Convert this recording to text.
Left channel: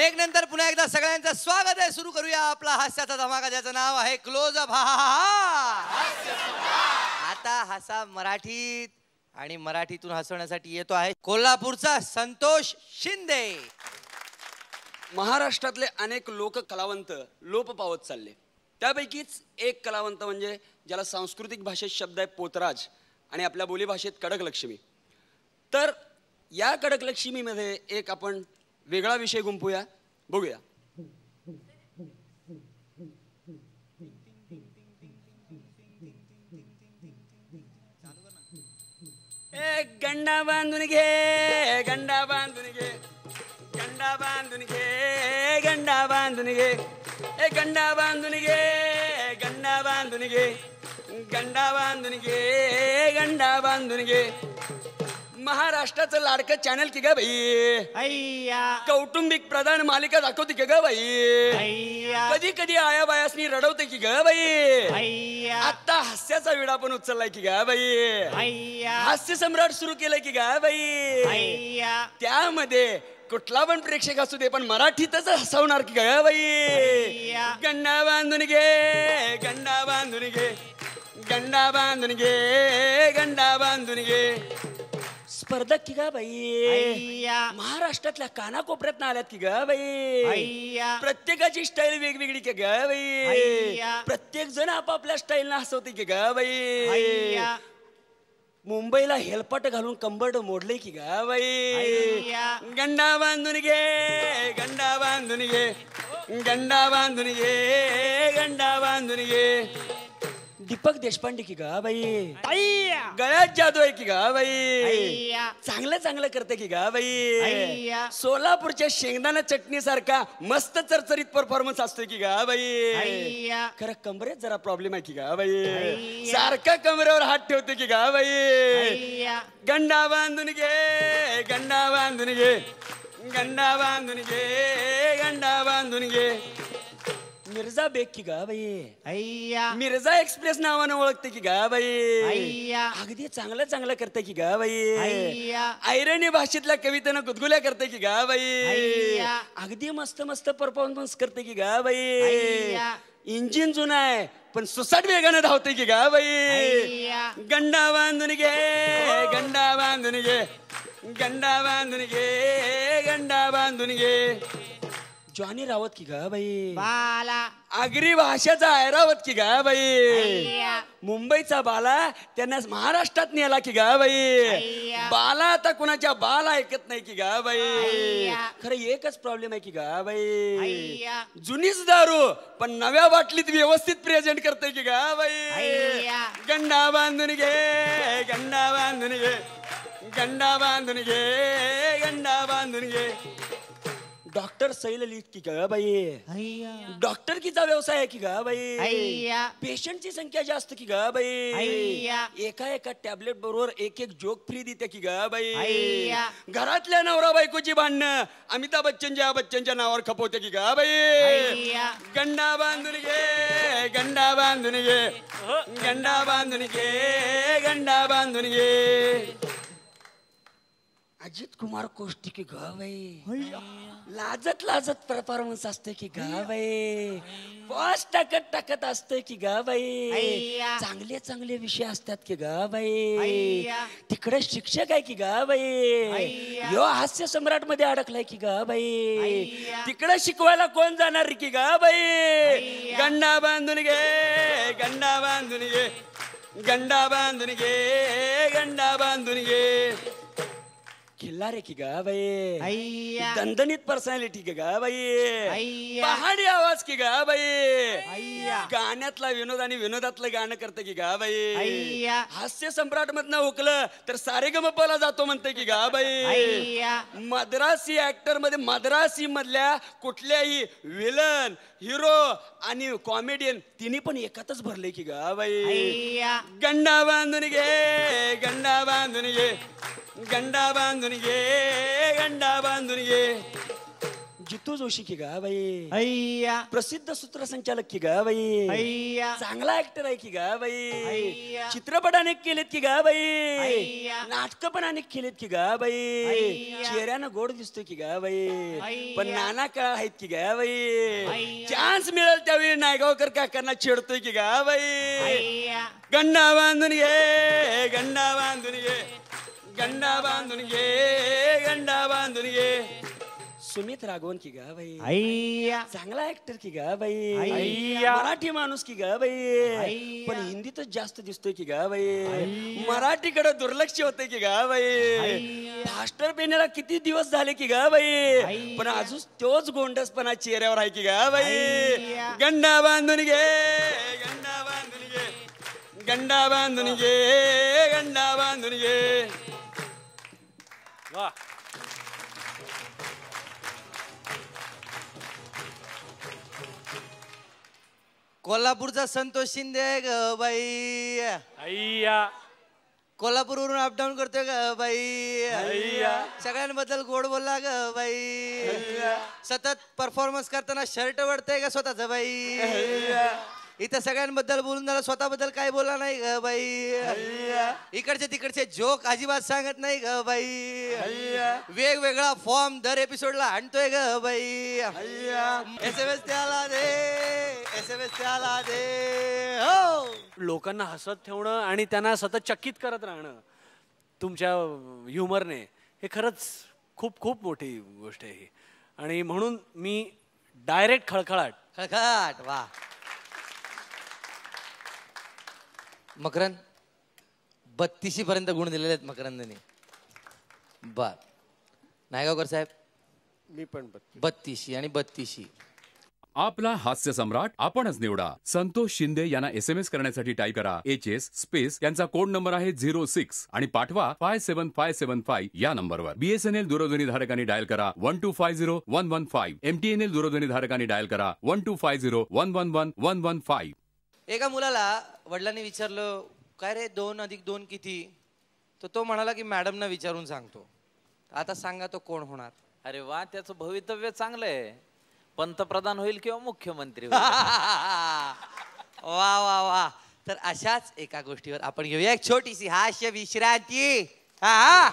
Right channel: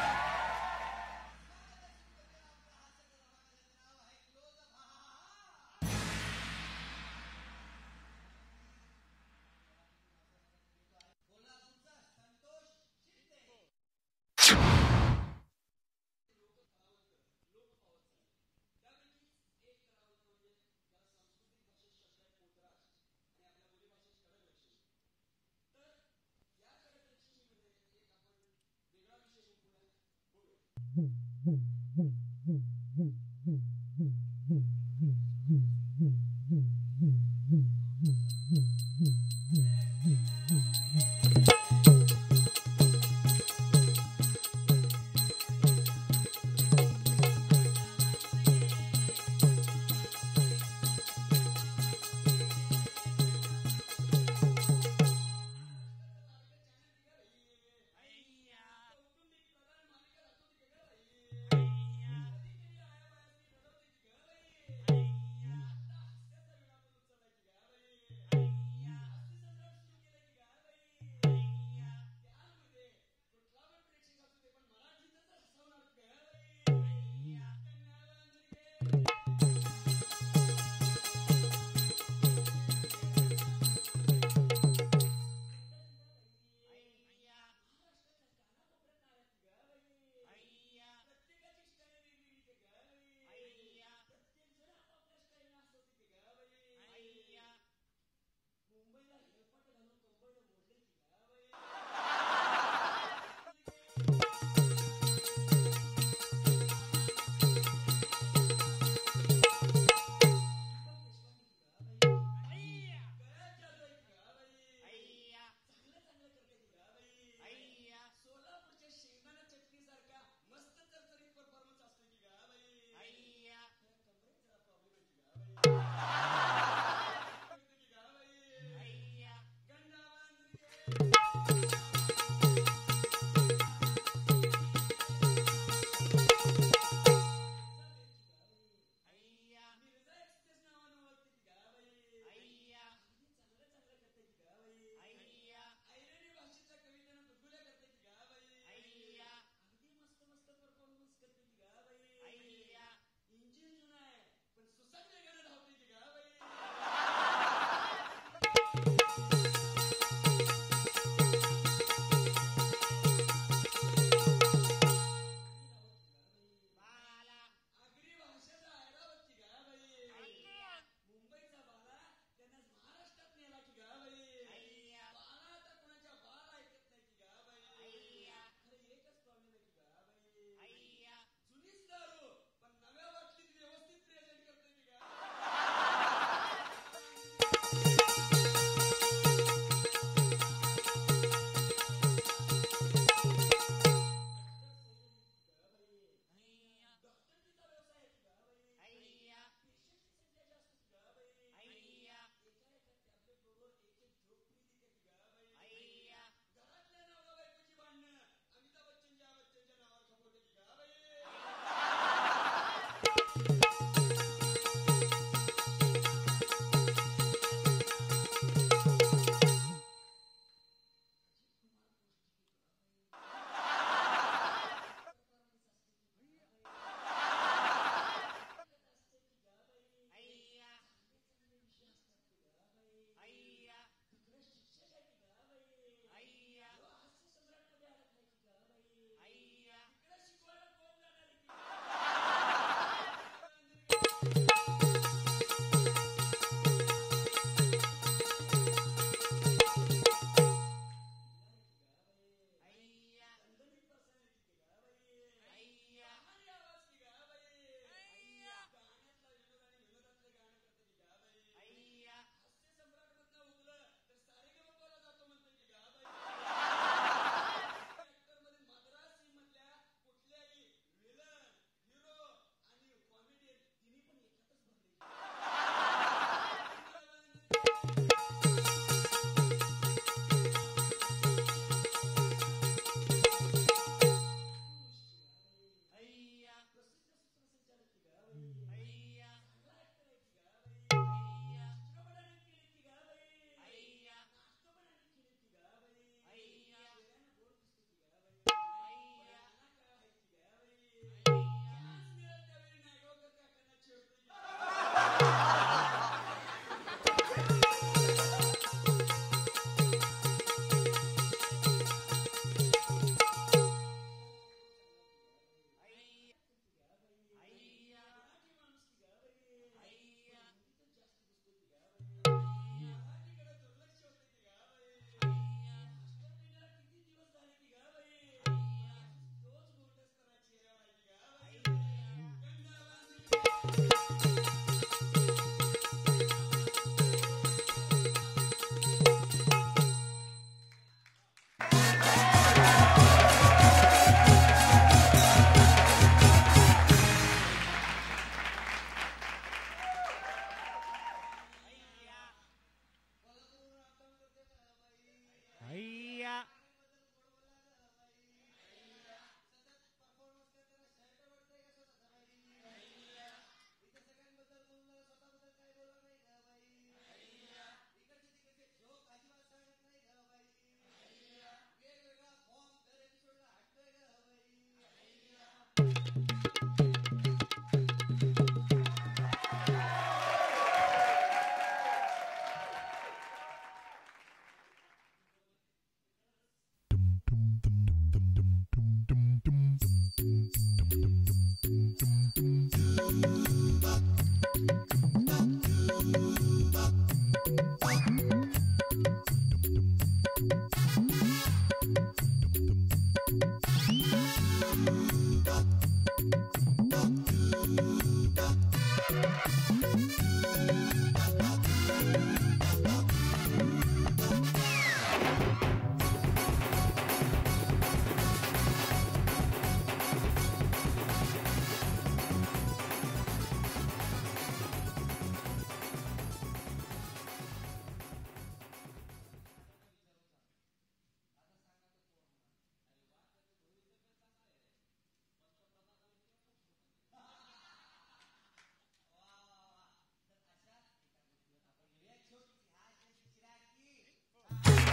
Break नंतर पुन्हा एकदा सगळ्यांचं स्वागत आहे. सुरू करूया आपला हास्याचा धमाका, ज्याचं नाव आहे क्लोज अप. आता हसा मराठीत, आणि मराठीतून हसवण्यासाठी येतो आहे कोल्हापूरचा संतोष शिंदे. महाराष्ट्रातले अनेक लोक कलावंत लोप पावत चालले. त्यापैकीच एक कलावंत म्हणजे ज्याला सांस्कृतिक भाषेत शब्द आहे पोतराज आणि आपल्या बोलीभाषेत कडकलक्ष्मी. तर या कडकलक्ष्मीमध्ये एक आपण वेगळा विषय गुंफूया, बघूया. गंडा बांधून घे, गंडा बांधून घे, गंडा बांधून घे, गंडा बांधून घे, गंडा बांधून घे, गंडा बांधून घे, गंडा बांधून घे, गंडा बांधून घे. महाराष्ट्राचं लाडकं चॅनल की ग बाई, कौटुंबिक प्रधान मालिका दाखवते की ग बाई, कधी कधी आया बायासनी रडवते की ग बाई. आता हास्याचा विडा पण उचललाय की ग बाई, हास्य सम्राट सुरू केलंय की ग बाई. त्यामध्ये कुठला पण प्रेक्षक असू दे पण मराठीतच हसवणार की ग बाई. गंडा बांधून घे, गंडा बांधून घे, गंडा बांधून घे, गंडा बांधून घे. स्पर्धक की गा बाई, महाराष्ट्रातल्या कानाकोपऱ्यात आल्यात की गा बाई. प्रत्येकाची स्टाईल वेगवेगळी की गा बाई, प्रत्येक जण आपापल्या स्टाईलनं हसवते की गा बाई. मुंबईला हेलपाट घालून कंबरड मोडले की गा बाई. गंडा बांधून घे, गंडा बांधून घे, गंडा बांधून घे, गंडा बांधून घे. दीपक देशपांडे की गा बाई, गळ्यात जादू आहे की गा बाई. चांगलं चांगलं करते की गा बाई. सोलापूरच्या शेंगदाणा चटणी सारखा मस्त चरचरीत परफॉर्मन्स असतोय की गा बाई. खरं कमरेत जरा प्रॉब्लेम आहे की गा बाई, सारखा कमरेवर हात ठेवते की गा बाई. गंडा बांधून घे, गंडा बांधून घे, गंडा बांधून घे, गंडा बांधून घे. मिर्झा बेग की गा बाई, मिर्झा एक्सप्रेस नावानं ओळखते की गा बाई. अगदी चांगलं चांगलं करते की गा बाई. ऐरणी भाषेतल्या कवितेनं गुदगुल्या करते की गा बाई. अगदी मस्त मस्त परफॉर्मन्स करते की गा बाई. इंजिन जुना आहे पण सुसाट वेगानं धावते की गा बाई. गंडा बांधून घे, गंडा बांधून घे, गंडा बांधून घे, गंडा बांधून घे. जॉनी रावत की गा बाई, आगरी भाषेचा ऐरावत की गा बाई. मुंबईचा बाला त्यांना महाराष्ट्रात नेला की गा बाई. बाला आता कुणाच्या बाला ऐकत नाही की गा बाई. खरं एकच प्रॉब्लेम आहे की गा बाई, जुनीच दारू पण नव्या बाटलीत व्यवस्थित प्रेझेंट करते की गा बाई. गंडा बांधून घे, गंडा बांधून घे, गंडा बांधून घे, गंडा बांधून घे. डॉक्टर सैल लिहित की गा बाई, डॉक्टर कीचा व्यवसाय आहे की गा बाई. पेशंटची संख्या जास्त की गा बाई. एका एका टॅबलेट बरोबर एक एक जोक फ्री देते की गा बाई. घरातल्या नवरा बायकोची भांडणं अमिताभ बच्चनच्या नावावर खपवते की गा बाई. गंडा बांधून घे, गंडा बांधून घे, गंडा बांधून घे, गंडा बांधून घे. अजित कुमार कोष्टी की गा बाई, लाजत लाजत परफॉर्मन्स असते की गा बाई. बॉस टाकत टाकत असते की गा बाई. चांगले चांगले विषय असतात की गा बाई. तिकडे शिक्षक आहे की गा बाई. यो हास्य सम्राट मध्ये अडकलाय की गा बाई. तिकडे शिकवायला कोण जाणार की गा बाई. गंडा बांधून घे, गंडा बांधून घे, गंडा बांधून घे, गंडा बांधून घे. खिल्लारे की गा बाई, दणदणीत पर्सनॅलिटी की गा बाई. पहाडी आवाज की गा बाई. गाण्यातला विनोद आणि विनोदातलं गाणं करते की गा बाई. हास्य सम्राट मधनं हुकलं तर सारेगमपला जातो म्हणते की गा बाई. मद्रासी ऍक्टर मध्ये मद्रासी मधल्या कुठल्याही विलन, हिरो आणि कॉमेडियन तिन्ही पण एकातच भरले की गा बाई. गंडा बांधून घे, गंडा बांधून घे, गंडा बांधून घे, गंडा बांधून घे. जितू जोशी की गा बाई अय्या प्रसिद्ध सूत्रसंचालक की गा बाई अय्या चांगला ऍक्टर आहे की गा बाई अय्या. चित्रपट अनेक केलेत की गा बाई अय्या. नाटक पण अनेक केलेत की गा बाई अय्या. चेहऱ्यानं गोड दिसतोय की गा बाई अय्या. पण नाना काळ आहेत की गा बाई अय्या. चान्स मिळेल त्यावेळी नायगावकर काकांना छेडतोय की गा बाई गंडा बांधून घे गंडा बांधून घे गंडा बांधून घे गंडा बांधून घे सुमित राघवन की गा बाई अय्या चांगला ऍक्टर की गा बाई अय्या. मराठी माणूस की गा बाई अय्या. पण हिंदीतच जास्त दिसतोय की गा बाई मराठीकडे दुर्लक्ष होतंय की गा बाई अय्या. फास्टर पेनेला किती दिवस झाले की गा बाई अय्या. पण अजून तोच गोंडसपणा चेहऱ्यावर आहे की गा बाई अय्या. गंडा बांधून घे गंडा बांधून घे गंडा बांधून घे गंडा बांधून घे वा कोल्हापूरचा संतोष शिंदे ग बाई अय्या कोल्हापूरवरून अपडाऊन करतोय ग बाई अय्या. सगळ्यांबद्दल गोड बोलला ग बाई सतत परफॉर्मन्स करताना शर्ट वडतय का स्वतःच बाई इथं सगळ्यांबद्दल बोलून झालं स्वतःबद्दल काय बोलला नाही ग बाई इकडचे तिकडचे जोक अजिबात सांगत नाही ग बाई वेगवेगळा फॉर्म दर एपिसोडला आणतोय ग बाई SMS द्याला दे SMS द्याला दे हो लोकांना हसत ठेवणं आणि त्यांना सतत चकित करत राहणं तुमच्या ह्युमरने हे खरंच खूप खूप मोठी गोष्ट आहे ही आणि म्हणून मी डायरेक्ट खळखळाट खळखळाट वा मकरंद 32 पर्यंत गुण दिलेले आहेत मकरंदने वा नायगावकर साहेब 32 आणि 32 आपला हास्य सम्राट आपणच निवडा. संतोष शिंदे यांना SMS करण्यासाठी टाईप करा HS स्पेस त्यांचा कोड नंबर आहे 06 आणि पाठवा 57575 या नंबरवर. BSNL दूरध्वनी धारकांनी डायल करा 1250115. MTNL दूरध्वनी धारकांनी डायल करा 12501111115. एका मुलाला वडिलांनी विचारलं काय रे 2 अधिक 2 किती तर तो म्हणाला की मॅडमना विचारून सांगतो. आता सांगा तो कोण होणार? अरे वा त्याचं भवितव्य चांगलं आहे पंतप्रधान होईल किंवा मुख्यमंत्री होईल. वा वा वा तर अशाच एका गोष्टीवर आपण घेऊया एक छोटीशी हास्य विश्रांती. हा